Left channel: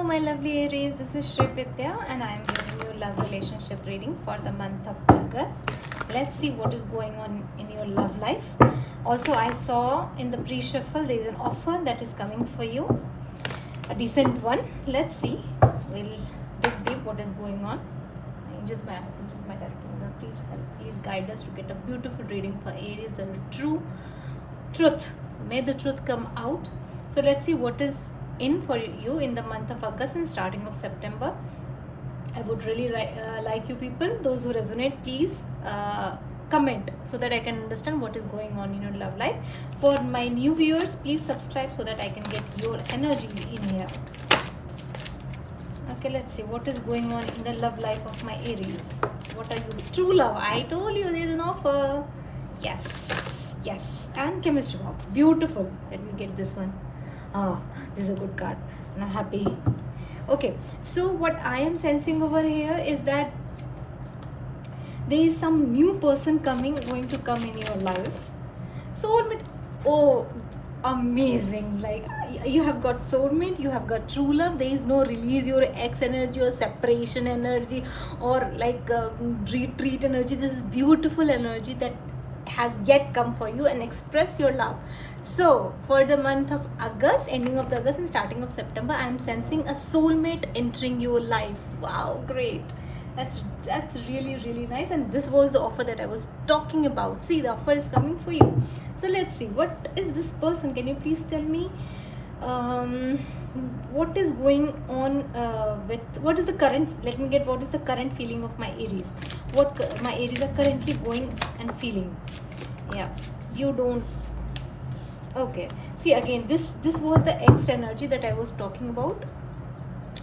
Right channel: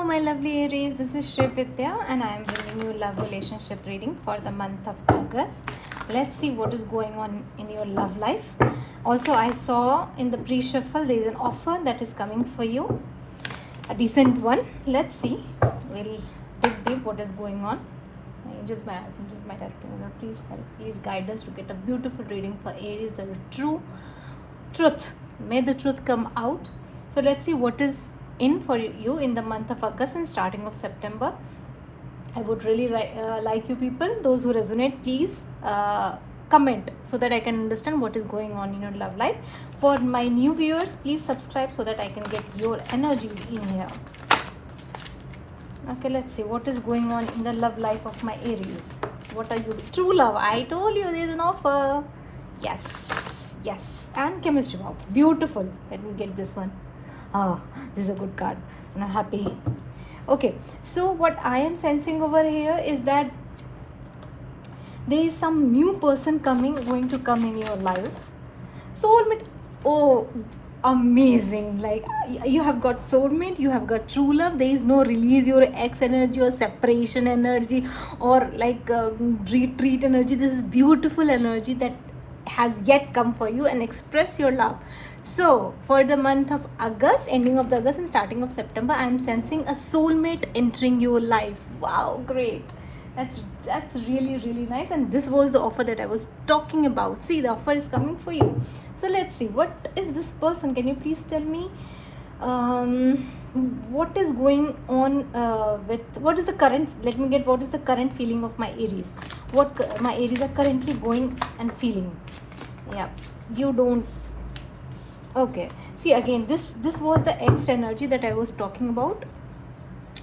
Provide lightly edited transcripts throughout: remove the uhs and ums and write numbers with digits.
Hello, my lovely Aries. This is Shri Pritya, and I am giving you love relationship reading for the month of August. Let's see what is going on in your love life. Also, I saw in the pre-shuffle there is an offer that is coming for you, a decent one. Let's see. We'll dig deep what is going on. Just my please guide us to get a beautiful reading for Aries. The truth. May the truth come out. So let's see what is in for you in the month of August and starting of September. I would really like you people, those who resonate, please comment so that I can understand what is going on in your love life. For my new viewers, please subscribe so that I can get your energies in here. Okay, let's see what is going on in the love life of my Aries. What are you? True love. I told you there's an offer. Yes. And chemistry. Wow, beautiful. Let me get this one. This is a good card. And I'm happy. Okay, so what I am sensing over here is that there is some new person going to come in your life. Soulmate. Oh, amazing. Like, you have got soulmate, you have got true love. There is no release your ex energy or separation energy or like retreat energy. This is beautiful energy that has yet come for you, and express your love. So for the month of August, ending of the August and starting of September, I am sensing a soulmate entering your life. Wow, great. That's really nice. And this was the offer that I was talking about. See, the offer is coming for you. So let's see, what is this person? Can you please tell me what is going on with what is the current, let me get, what is the current feeling of my Aries? What my Aries are currently going and feeling? Yeah, you don't. Okay, see, again, this was the ex energy that I was talking about.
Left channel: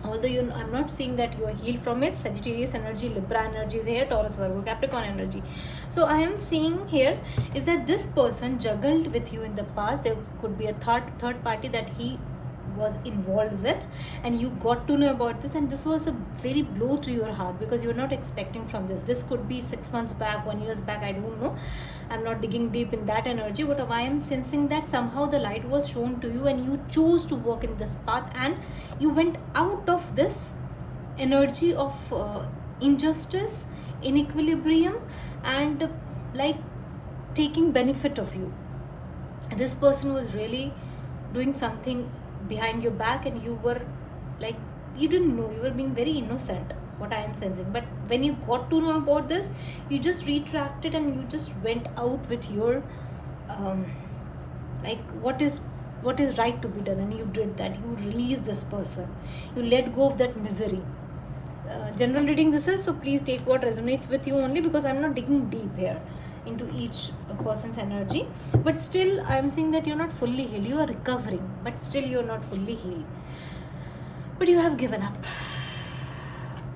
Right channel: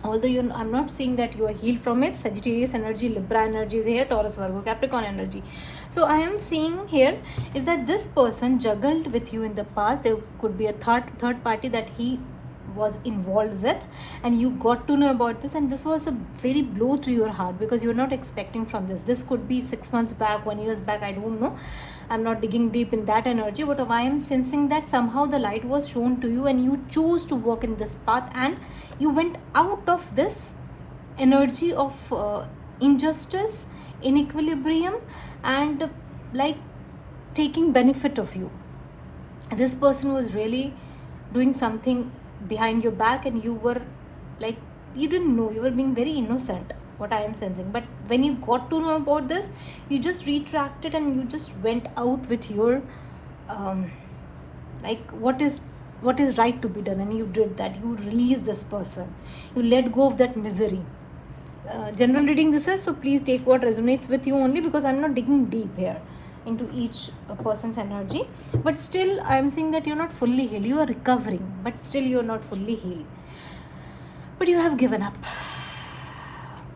Although I'm not seeing that you are healed from it. Sagittarius energy, Libra energy is here, Taurus, Virgo, Capricorn energy. So I am seeing here is that this person juggled with you in the past. There could be a third party that he was involved with, and you got to know about this, and this was a very blow to your heart because you were not expecting from this. This could be 6 months back, 1 year back, I don't know. I'm not digging deep in that energy, but I am sensing that somehow the light was shown to you and you chose to walk in this path, and you went out of this energy of injustice, inequilibrium, and like taking benefit of you. This person was really doing something behind your back, and you were like, you didn't know, you were being very innocent, what I am sensing. But when you got to know about this, you just retracted and you just went out with your like what is right to be done, and you did that. You released this person, you let go of that misery. General reading this is, so please take what resonates with you only, because I'm not digging deep here into each person's energy. But still, I'm seeing that you're not fully healed. You are recovering, but still you're not fully healed. But you have given up.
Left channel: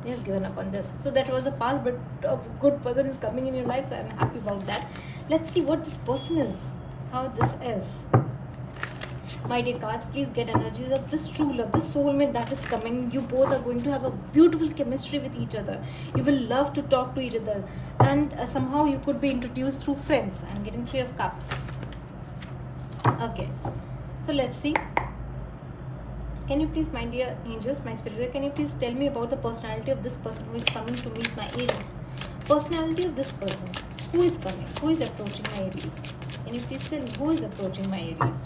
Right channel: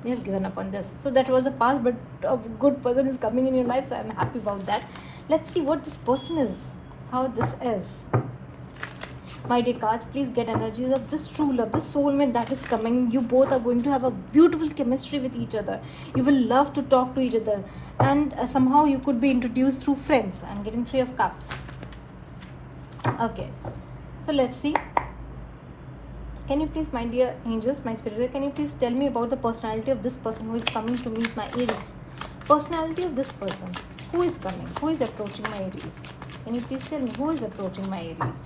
You've given up on this. So that was a past, but a good person is coming in your life, so I'm happy about that. Let's see what this person is, how this is. My dear cards, please get energies of this true love, this soulmate that is coming. You both are going to have a beautiful chemistry with each other. You will love to talk to each other, and somehow you could be introduced through friends. I'm getting 3 of Cups. Okay, so let's see. Can you please, my dear angels, my spirit, can you please tell me about the personality of this person who is coming to meet my Aries? Personality of this person. Who is coming? Who is approaching my Aries? Can you please tell me who is approaching my Aries?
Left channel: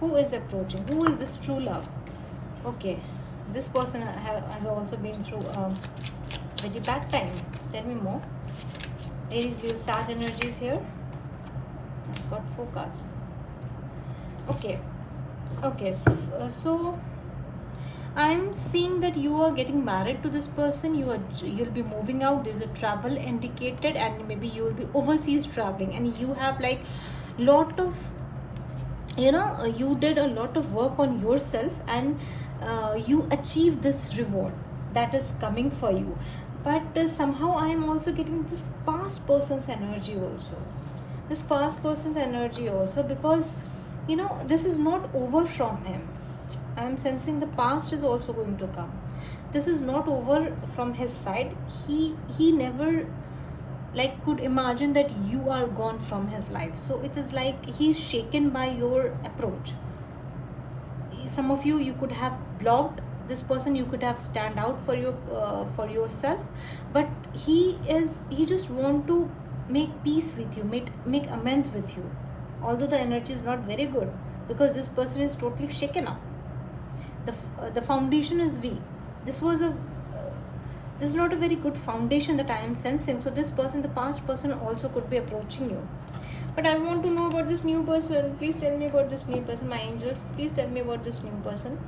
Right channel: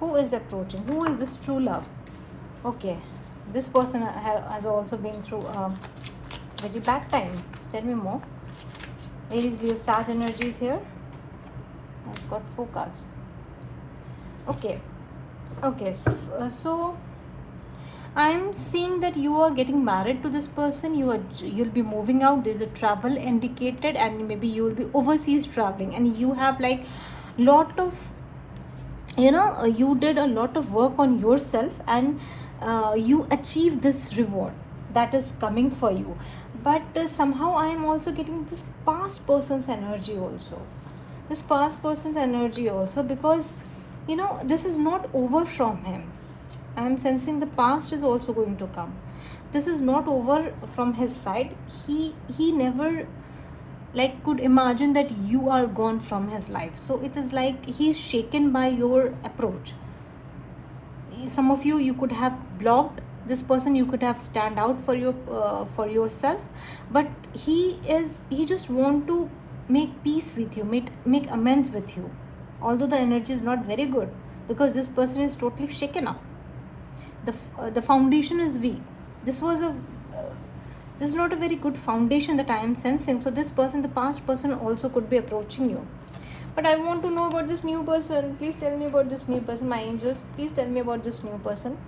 Who is approaching? Who is this true love? Okay, this person has also been through a very bad time. Tell me more. Aries, we have Sag energies here. I've got 4 cards. Okay, so I'm seeing that you are getting married to this person. You'll be moving out. There's a travel indicated, and maybe you will be overseas traveling, and you have like lot of, you did a lot of work on yourself, and you achieved this reward that is coming for you. But somehow I am also getting this past person's energy also. Because this is not over from him. I am sensing the past is also going to come. This is not over from his side. He never like could imagine that you are gone from his life. So it is like he's shaken by your approach. Some of you could have blocked This person, you could have stand out for for yourself, but he just want to make peace with you, make amends with you, although the energy is not very good, because this person is totally shaken up. The foundation is weak. This was a this is not a very good foundation that I am sensing. So this person, the past person, also could be approaching you. But I want to know about this new person. Please tell me about this new person. My angels, please tell me about this new person.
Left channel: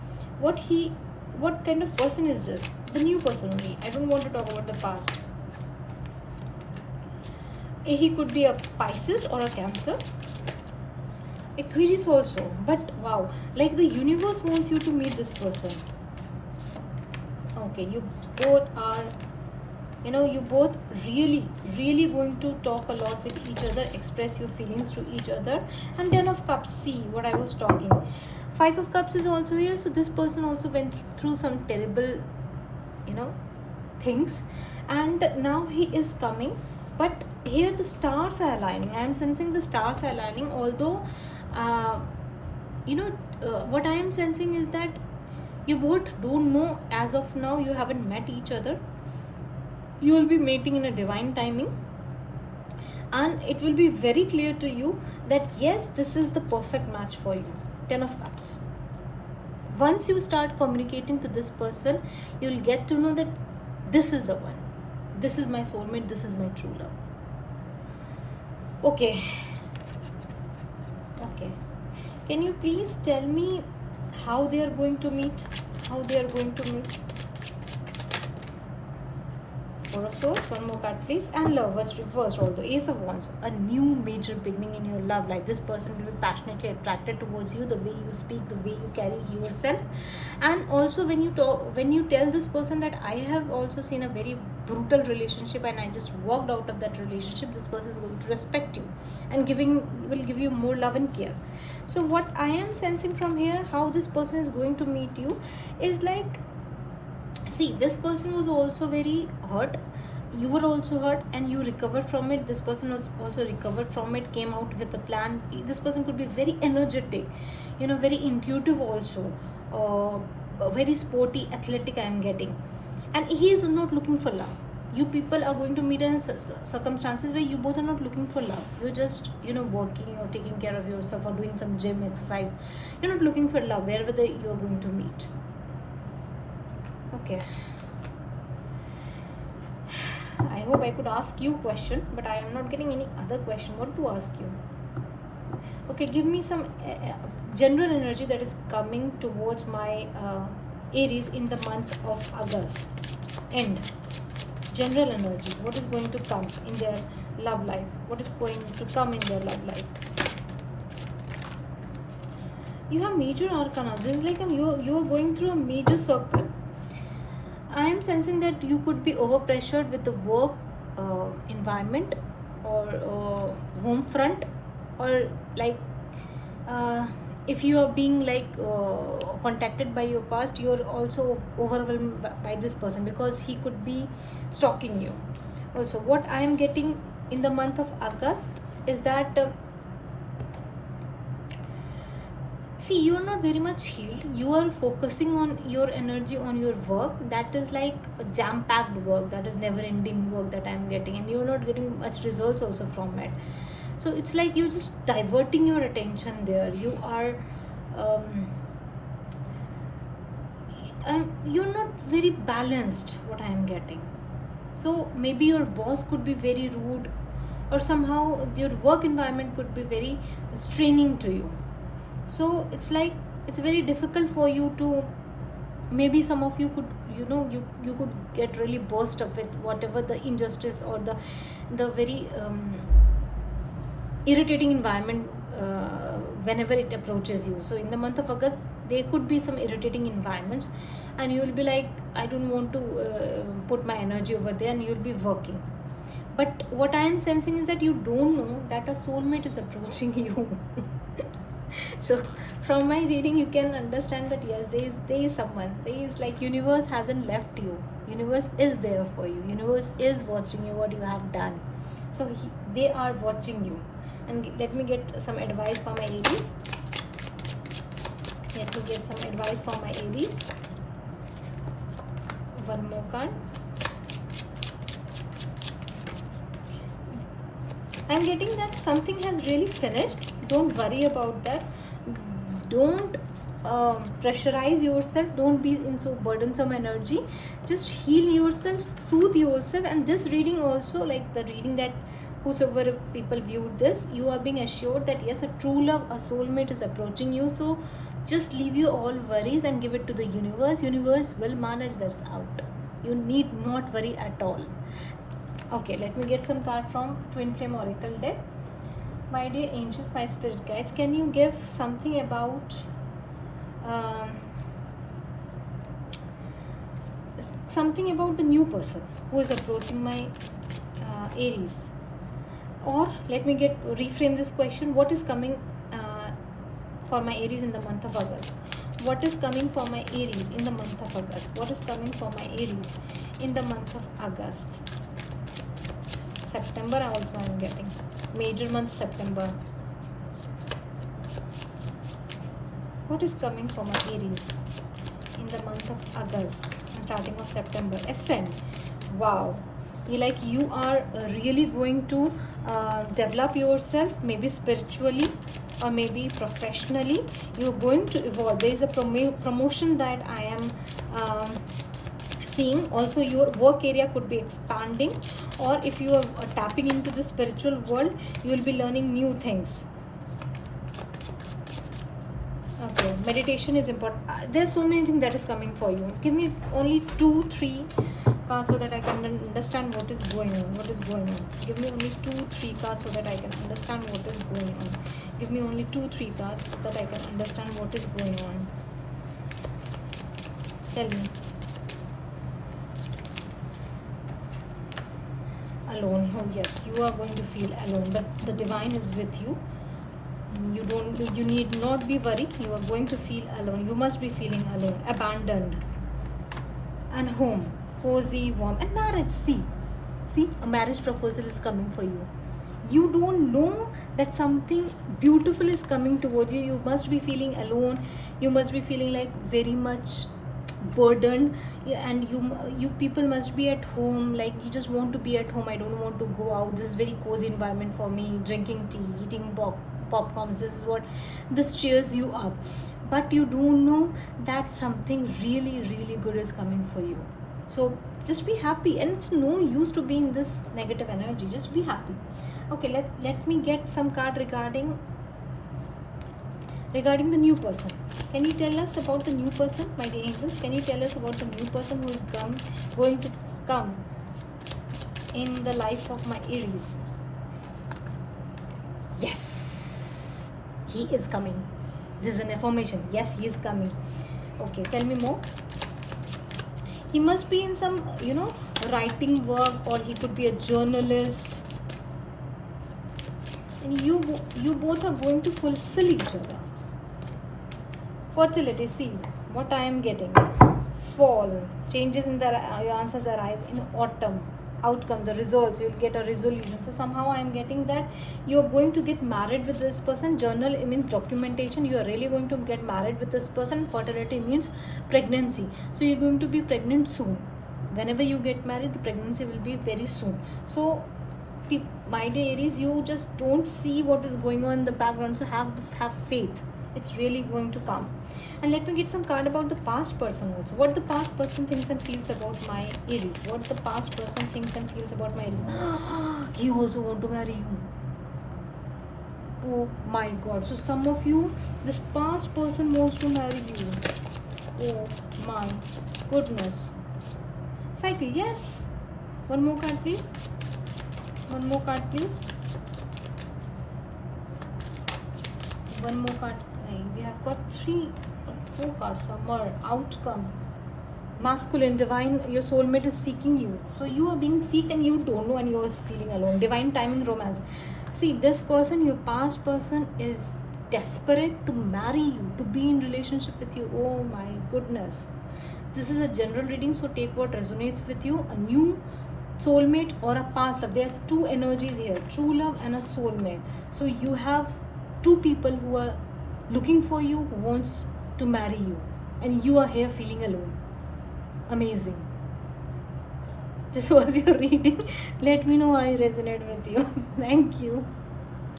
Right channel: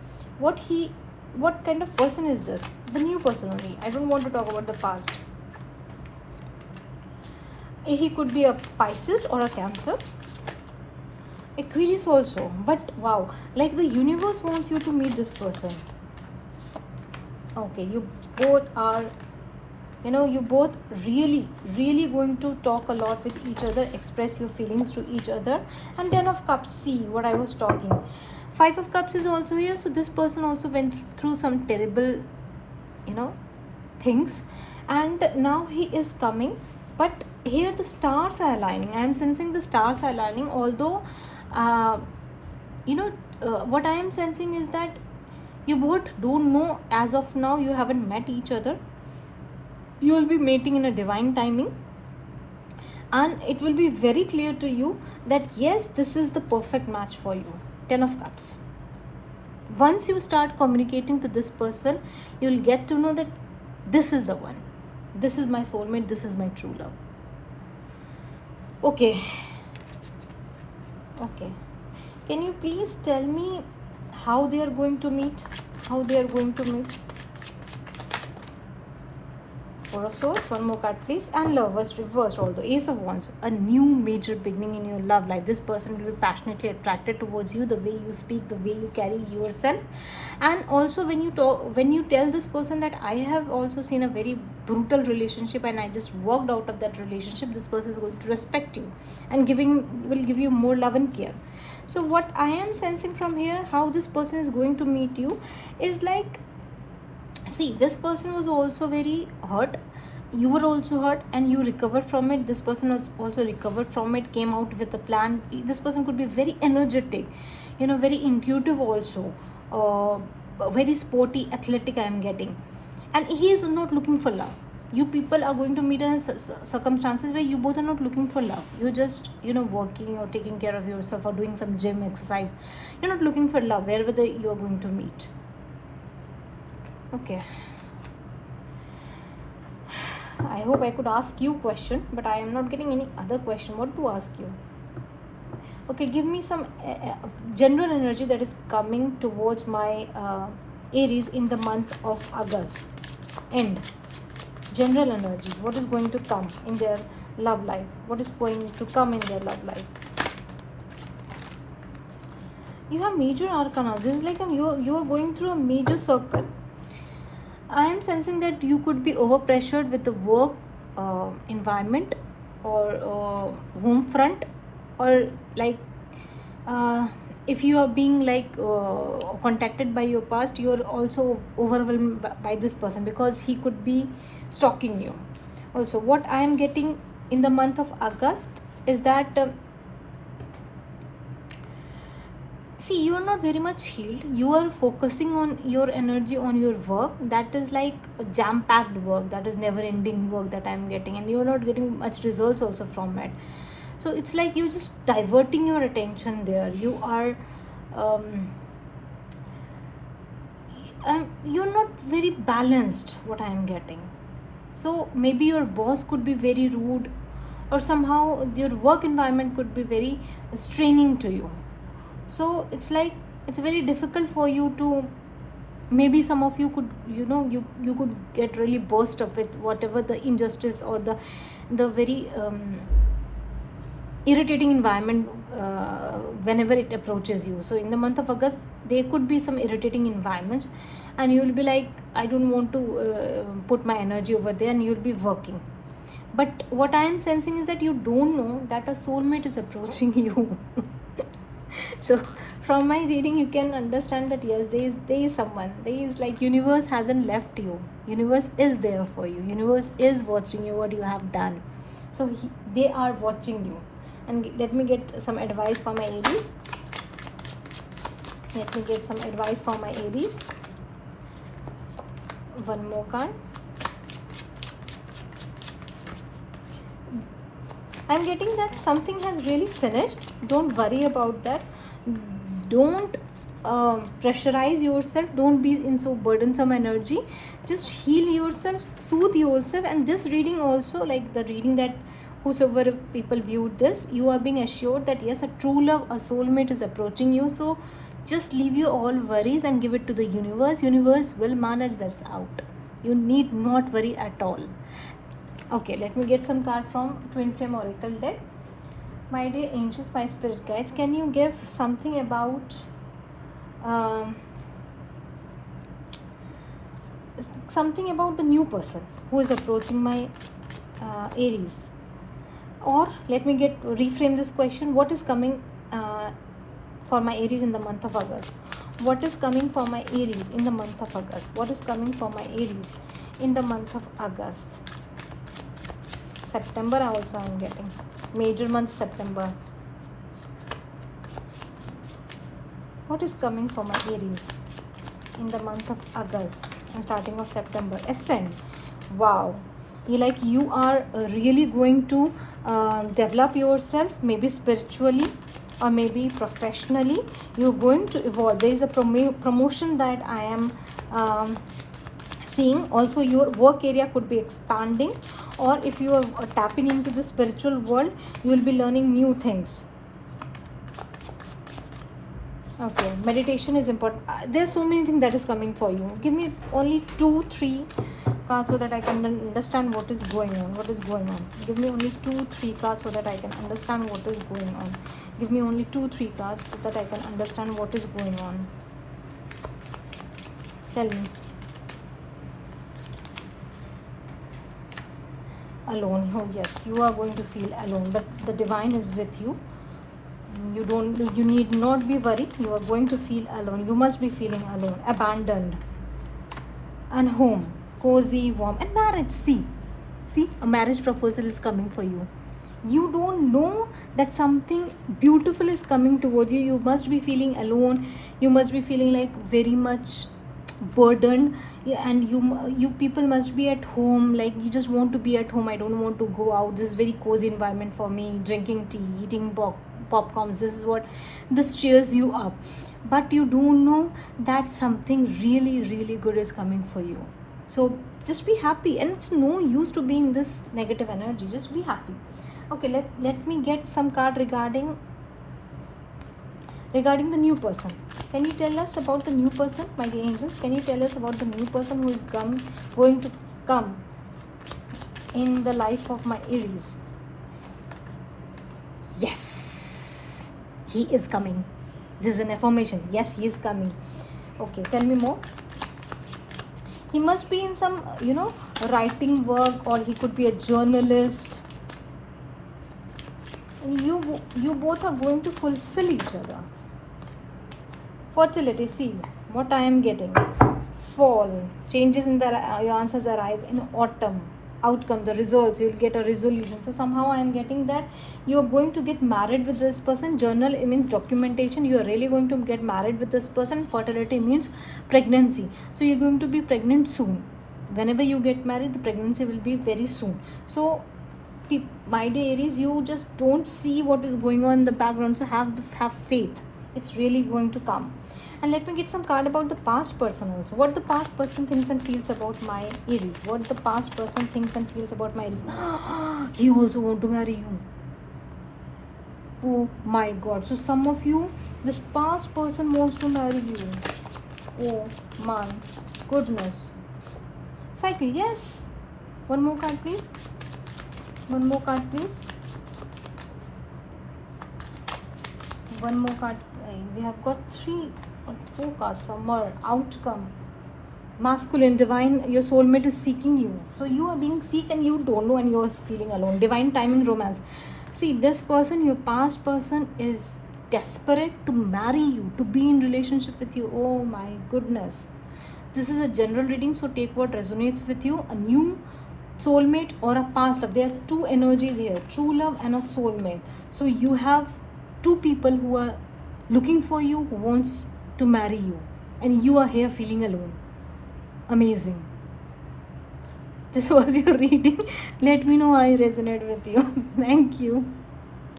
What kind of person is this? The new person only. I don't want to talk about the past. He could be a Pisces or a Cancer. Aquarius also. But wow, like the universe wants you to meet this person. Okay, you both are, you both really going to talk a lot with each other, express your feelings to each other. And 10 of Cups, see what I was talking. 5 of Cups is also here. So this person also went through some terrible, things, and now he is coming. But here the stars are aligning. I am sensing the stars are aligning, although what I am sensing is that you both don't know as of now. You haven't met each other. You will be meeting in a divine timing, and it will be very clear to you that yes, this is the perfect match for you. 10 of Cups. Once you start communicating to this person, you will get to know that this is the one. This is my soulmate. This is my true love. Okay. Can you please tell me how they are going to meet? How they are going to meet? 4 of Swords, one more card please, and Lovers reversed, although Ace of Wands, a new major beginning in your love life. This person will be passionately attracted towards you, the way you speak, the way you carry yourself. And also when you tell this person that I have also seen a very brutal relationship and I just walked out of that relationship, this person is going to respect you and will give you more love and care. So what I am sensing from here, how this person is going to meet you, is like, see, this person was also very hurt. You were also hurt and you recovered from it. This person was also recovered from it, came out with a plan. This person could be very energetic, very intuitive also, very sporty, athletic I am getting. And he is not looking for love. You people are going to meet in circumstances where you both are not looking for love. You're just, working or taking care of yourself or doing some gym exercise. You're not looking for love wherever you are going to meet. Okay. I hope I could ask you a question, but I am not getting any other question. What to ask you? Okay, give me some general energy that is coming towards my Aries in the month of August. End. General energies. What is going to come in their love life? What is going to come in their love life? You have major arcana. This is like you are going through a major circle. I am sensing that you could be overpressured with the work environment or home front, or like if you are being contacted by your past, you are also overwhelmed by this person because he could be stalking you. Also, what I am getting in the month of August is that see, you are not very much healed. You are focusing on your energy on your work. That is like a jam-packed work. That is never-ending work that I am getting, and you are not getting much results also from it. So it's like you're just diverting your attention there. You are you're not very balanced, what I am getting. So maybe your boss could be very rude, or somehow your work environment could be very straining to you. So it's like it's very difficult for you to, maybe some of you could, you could get really burst up with whatever the injustice or the very irritating environment whenever it approaches you. So in the month of August, there could be some irritating environments, and you will be like, I don't want to put my energy over there, and you'll be working. But what I am sensing is that you don't know that a soulmate is approaching you. So from my reading, you can understand that yes, there is someone. There is like universe hasn't left you. Universe is there for you. Universe is watching you, what you have done. So they are watching you. And let me get some advice for my Aries. Let me get some advice for my Aries. One more card. I'm getting that something has really finished. Don't worry about that. Don't pressurize yourself. Don't be in so burdensome energy. Just heal yourself, soothe yourself. And this reading also, like the reading that whosoever people viewed this, you are being assured that yes, a true love, a soulmate is approaching you. So just leave your all worries and give it to the universe. Universe will manage this out. You need not worry at all. Okay, let me get some card from Twin Flame Oracle deck. My dear angels, my spirit guides, can you give something about the new person who is approaching my Aries? Or let me reframe this question. What is coming for my Aries in the month of August? What is coming for my Aries in the month of August? What is coming for my Aries in the month of August? September also I am getting. Major month September. What is coming for my Aries in the month of August and starting of September? Ascend. Wow. You are really going to develop yourself, maybe spiritually or maybe professionally. You're going to evolve. There is a promotion that I am seeing. Also your work area could be expanding, or if you are tapping into the spiritual world, you will be learning new things. Okay, meditation is important. There's so many things that is coming for you. Give me only 2-3 cards so that I can understand what is going on. Give me only 2-3 cards so that I can understand what is going on. Give me only 2-3 cards so that I can understand what is going on. Tell me. Alone. Oh yes, you are going to feel alone, but the divine is with you. You need not be worried. You are going to feel alone. You must be feeling alone, abandoned. And home, cozy, warm, and marriage. See, a marriage proposal is coming for you. You don't know that something beautiful is coming towards you. You must be feeling alone. You must be feeling like very much burdened. Yeah, and you people must be at home. Like you just want to be at home. I don't want to go out. This is very cozy environment for me. Drinking tea, eating popcorns. This cheers you up. But you don't know that something really, really good is coming for you. So just be happy, and it's no use to be in this negative energy. Just be happy. Okay, let me get some card regarding the new person. Can you tell us about the new person, my dear angels? Can you tell us about the new person who is going to come in the life of my Aries? Yes, he is coming. This is an affirmation. Yes, he is coming. Okay, tell me more. He must be in some, writing work, or he could be a journalist. And you both are going to fulfill each other. Fertility, see what I am getting. Fall, changes in your answers arrive in autumn. Outcome, the results, you'll get a resolution. So somehow I am getting that you are going to get married with this person. Journal, it means documentation. You are really going to get married with this person. Fertility means pregnancy. So you're going to be pregnant soon. Whenever you get married, the pregnancy will be very soon. So my dear Aries, you just don't see what is going on in the background. So have faith. It's really going to come. And let me get some card about the past person also. What the past person thinks and feels about my Aries. What the past person thinks and feels about my Aries. He also want to marry you. Oh my God. So some of you, this past person wants to marry you. Oh my goodness. Cycle, yes. One more card, please. One more card, please. One more card. We have got 3 or 4 cards. Summer, outcome, masculine, divine. Your soulmate is seeking you. So you are being seeked and you don't know, and you are feeling alone. Divine timing, romance. See, this person, your past person, is desperate to marry you, to be in relationship with you. Oh my goodness. This is a general reading, so take what resonates with you. A new soulmate or a past love. There are 2 energies here, true love and a soulmate. So you have 2 people who are looking for you, who wants to marry you, and you are here feeling alone. Amazing. This was your reading. Let me know how I resonate with you. Thank you.